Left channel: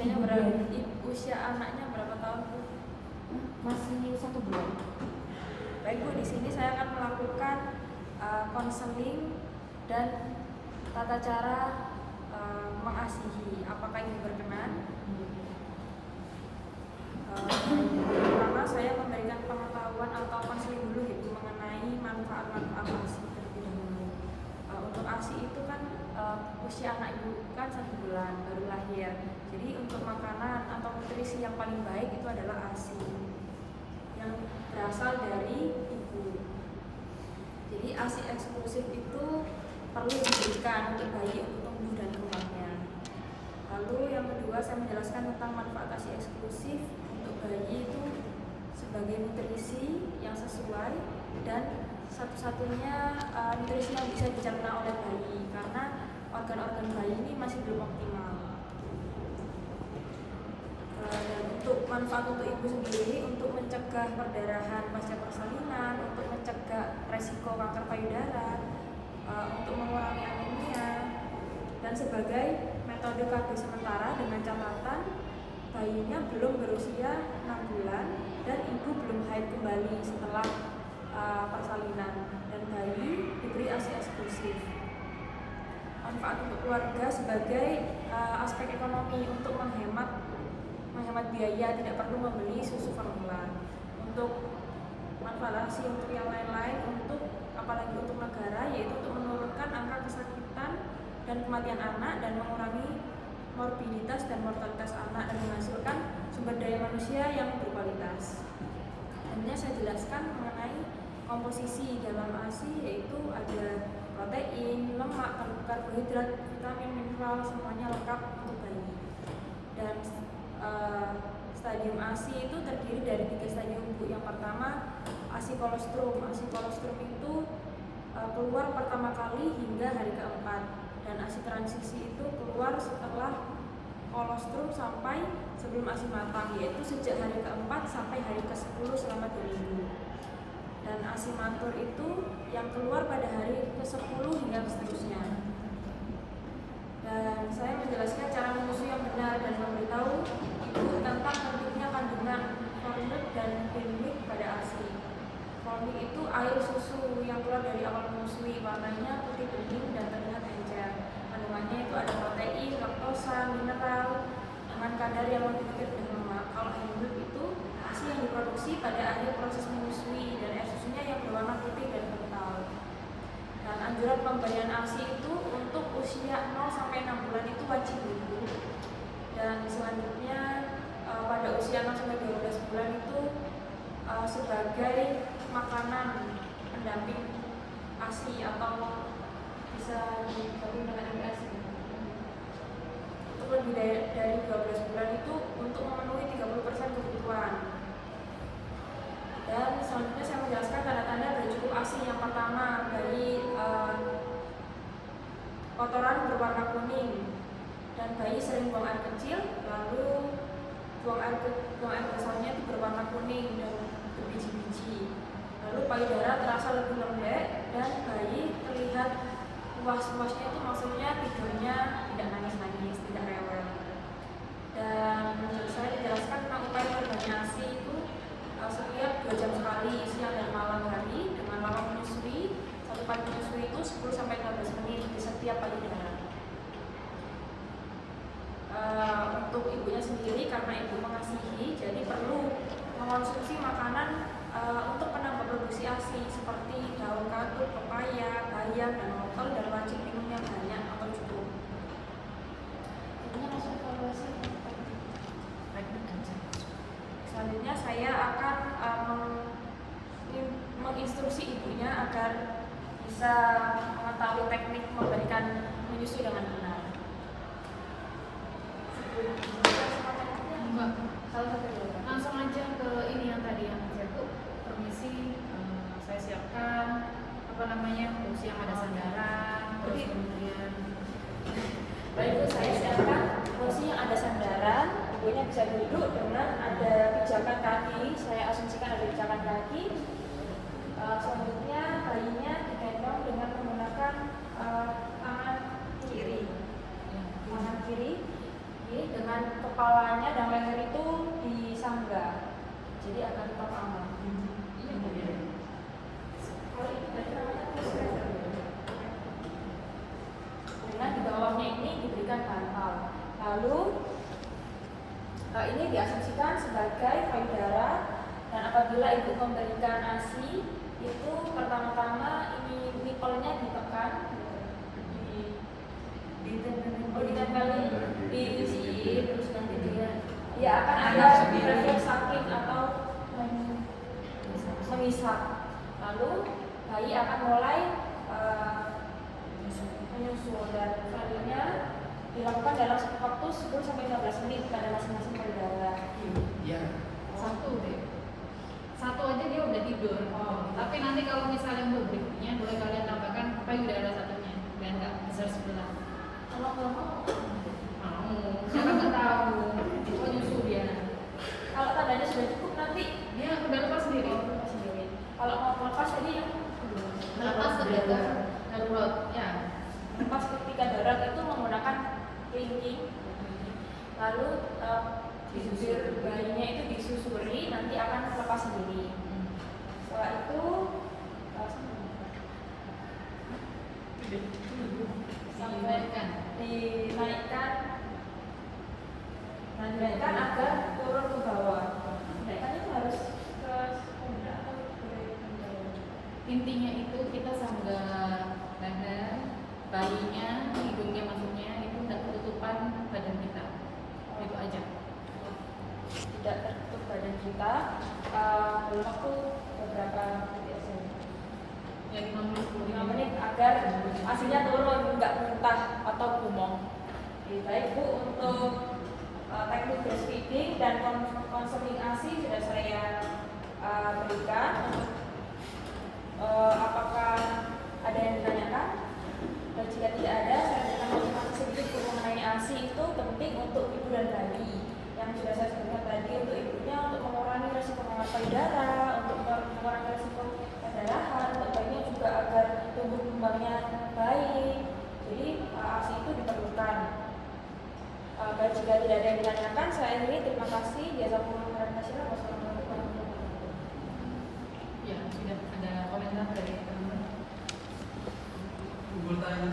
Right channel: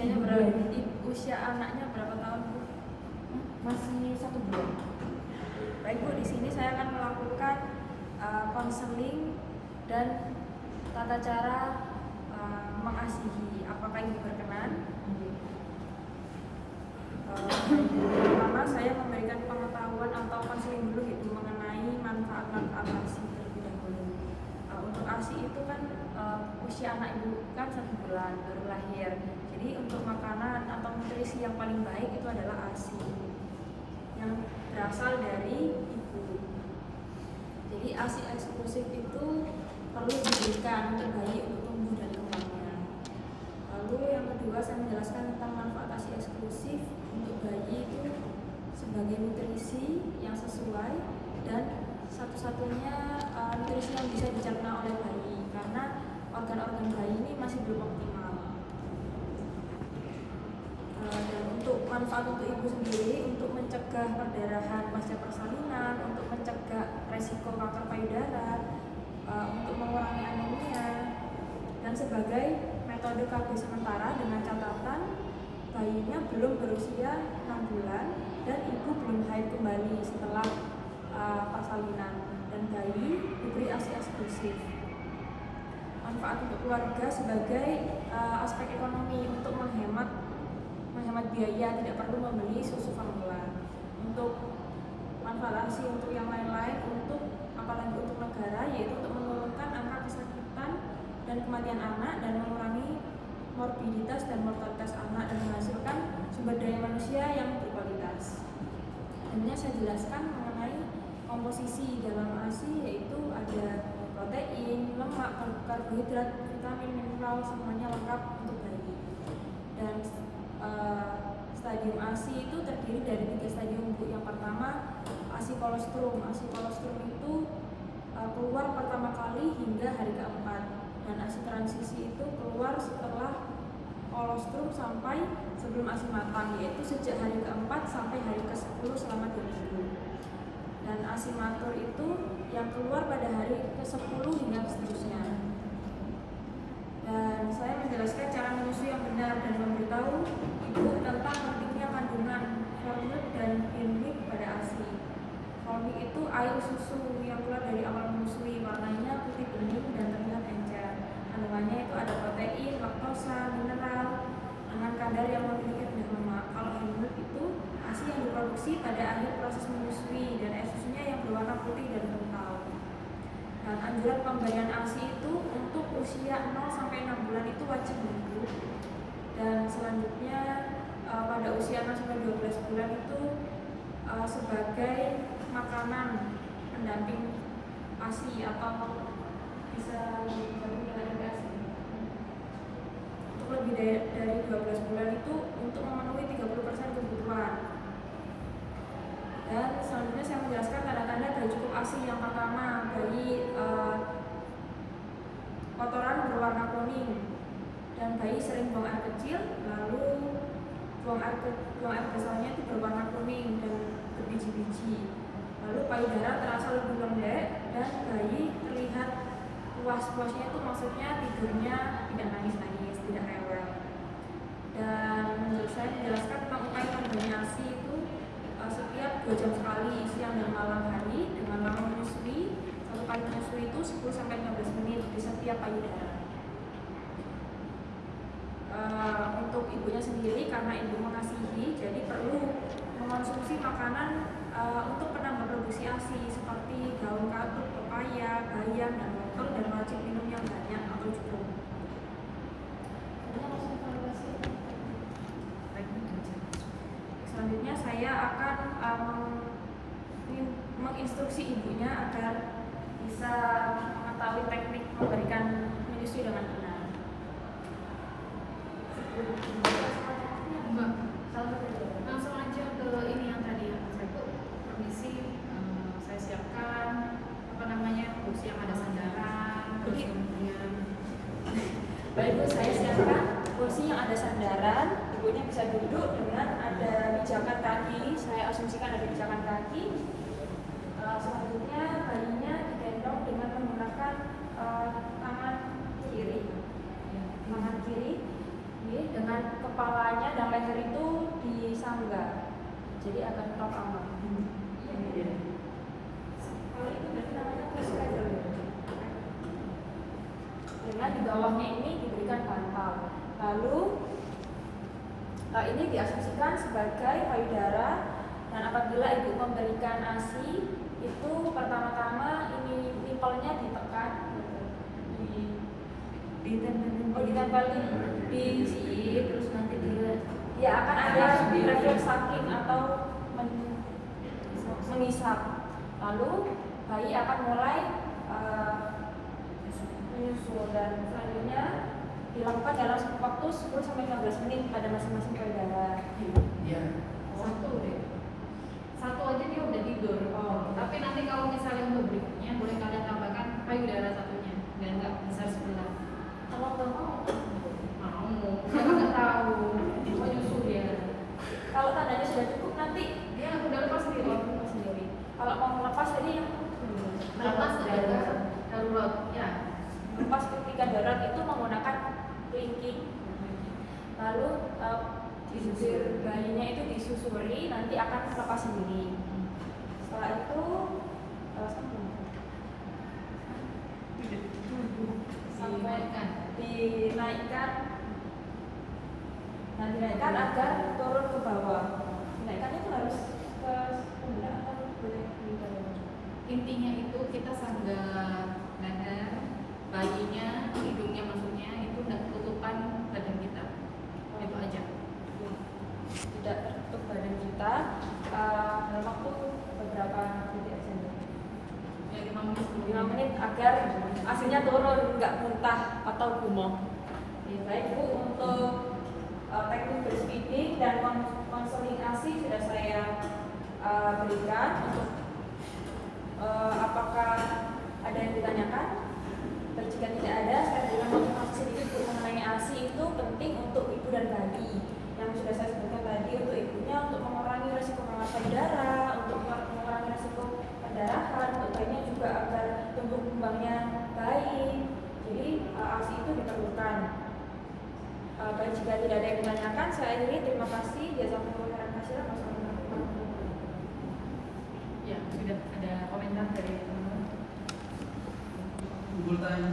Usia anaknya berapa tahun, Bu? Masih 1 bulan. Baik, Bu, di sini saya akan melakukan konseling dan tata cara mengasihi. Apakah ini berkenan? Pertama, saya memberikan pengetahuan atau konseling dulu gitu mengenai manfaat-manfaat ASI terlebih dahulu. Untuk ASI itu kan usia anak ibu kan 1 bulan baru lahir. Jadi untuk makanan atau nutrisi yang paling baik itu adalah ASI yang berasal dari ibu. Jadi ASI eksklusif itu perlu diberikan untuk bayi untuk tumbuh dan kembangnya. Lalu yang kedua, saya menjelaskan tentang manfaat ASI eksklusif untuk bayi itu sebagai nutrisi yang sesuai dan satu-satunya nutrisi yang bisa dicerna oleh bayi karena organ-organ bayi ini masih belum optimal. Dan untuk manfaat untuk ibu sendiri, untuk mencegah perdarahan pasca persalinan, untuk mencegah resiko kanker payudara, untuk mengurangi anemia, dan sebagai metode KB sementara dengan catatan bayinya belum berusia 6 bulan dan ibu belum haid kembali setelah persalinan, dan bayi diberi ASI eksklusif. Manfaat untuk keluarga sebagai aspek ekonomi untuk menghemat biaya, tidak perlu membeli susu formula. Untuk manfaat ASI untuk yang lain-lain, untuk apalagi untuk negara, yaitu untuk menurunkan angka kesakitan dan kematian anak dan mengurangi morbiditas dan mortalitas anak dan menghasilkan sumber daya manusia yang berkualitas. Selanjutnya saya jelaskan mengenai komposisi dalam ASI, yaitu ada protein, lemak, karbohidrat, vitamin, mineral, semuanya lengkap untuk bayi. Dan stadium ASI itu terdiri dari 3 stadium, Bu. Yang pertama ASI kolostrum. ASI kolostrum itu keluar pertama kali hingga hari keempat, dan ASI transisi itu keluar setelah kolostrum sampai sebelum ASI matang, yaitu sejak hari keempat sampai hari ke-10 selama 2 minggu. Dan ASI matur itu yang keluar pada hari ke-10 hingga seterusnya. Dan saya menjelaskan cara menyusui yang benar dan memberitahu ibu tentang pentingnya kandungan formik dan prenmik pada ASI. Formik itu air susu yang keluar dari awal menyusui, warnanya putih bening dan terlihat encer. Kandungannya itu ada protein, laktosa, mineral dengan kadar yang memiliki rendah lemak. Kalau prenmik itu ASI yang diproduksi pada akhir proses menyusui dan air susunya yang berwarna putih dan kental. Dan anjuran pemberian ASI itu untuk usia 0 sampai 6 bulan itu wajib dulu. Dan selanjutnya pada usia 0 sampai 12 bulan itu sebagai makanan pendamping ASI atau bisa digabung dengan MPASI. Untuk lebih dari 12 bulan itu untuk memenuhi 30% kebutuhan. Dan selanjutnya saya menjelaskan tanda-tanda bayi cukup ASI. Yang pertama, bayi kotoran berwarna kuning dan bayi sering buang air kecil, lalu buang air besarnya itu berwarna kuning dan berbiji-biji. Lalu payudara terasa lebih lembek dan bayi terlihat puas-puasnya, itu maksudnya tidurnya tidak nangis-nangis, tidak rewel. Dan menurut saya menjelaskan tentang upaya perbaikan ASI itu setiap 2 jam sekali, siang dan malam hari, dengan malam menyusui. Satu kali menyusui itu 10 sampai 15 menit di setiap payudara. Untuk ibunya sendiri, karena ibu mengasihi, jadi perlu mengonsumsi makanan untuk penambah produksi ASI seperti daun katut, pepaya, bayam, dan wortel, dan wajib minum yang banyak atau cukup. Selanjutnya saya akan menginstruksi ibunya agar bisa mengetahui teknik memberikan menyusui dengan benar. Langsung aja ke ini yang tadi yang saya tuh permisi, saya siapkan kursi yang ada sandaran, terus kemudian Baik, Bu, saya siapkan kursi yang ada sandaran. Ibunya bisa duduk dengan ada pijakan kaki. Saya asumsikan ada pijakan kaki. Selanjutnya bayinya digendong dengan menggunakan tangan kiri, dengan kepala kepalanya dan leher itu disanggah, jadi akan tetap aman. Kalau itu berarti namanya twist feather. Dengan di bawahnya ini diberikan bantal. Lalu ini diasumsikan sebagai payudara, dan apabila ibu memberikan ASI itu pertama-tama ini nipelnya ditekan gitu. Ditempelin di sini, terus nanti dia ya akan ada refleks samping atau mengisap. Lalu bayi akan mulai menyusu, dan selanjutnya dilakukan dalam waktu 10-15 menit pada masing-masing payudara. Iya. Satu deh. Satu aja dia udah tidur. Tapi nanti kalau misalnya untuk berikutnya boleh kalian tambahkan payudara satunya, biar nggak besar sebelah. Kalau nggak mau, Karena nggak tahu. Oh nyusu dia. kalau tandanya sudah cukup nanti Dia udah lepas sendiri. lepas sendiri. Kalau mau lepas jadi Melepas ketika darurat. Ya. lepas ketika darurat itu menggunakan kelingking. Lalu bibir bayinya itu disusuri, nanti akan lepas sendiri. Setelah itu dinaikkan agar turun ke bawah. Dinaikkan itu harus ke sebelah atau boleh di bawah? Intinya itu kita sanggah leher bayinya, hidungnya maksudnya itu tidak ketutupan badan kita. Itu aja. Tidak tertutup badan kita dalam waktu beberapa detik aja. Ya 5 menit 5 menit agar hasilnya turun, nggak muntah atau gumoh. Baik Bu, untuk teknik breastfeeding dan konseling ASI sudah saya berikan. Untuk apakah ada yang ditanyakan? Dan jika tidak ada, saya berikan informasi sedikit Bu, mengenai ASI itu penting untuk ibu dan bayi. Yang sudah saya sebutkan tadi, untuk ibunya untuk mengurangi risiko payudara, untuk mengurangi risiko perdarahan, untuk bayinya juga agar tumbuh kembangnya baik. Jadi ASI itu diperlukan. Baik, jika tidak ada yang ditanyakan, saya akhiri. Terima kasih. Jazakumullah khairan katsiran. Wassalamualaikum warahmatullahi wabarakatuh. Ya, sudah ada komentar dari teman-teman. Bertanya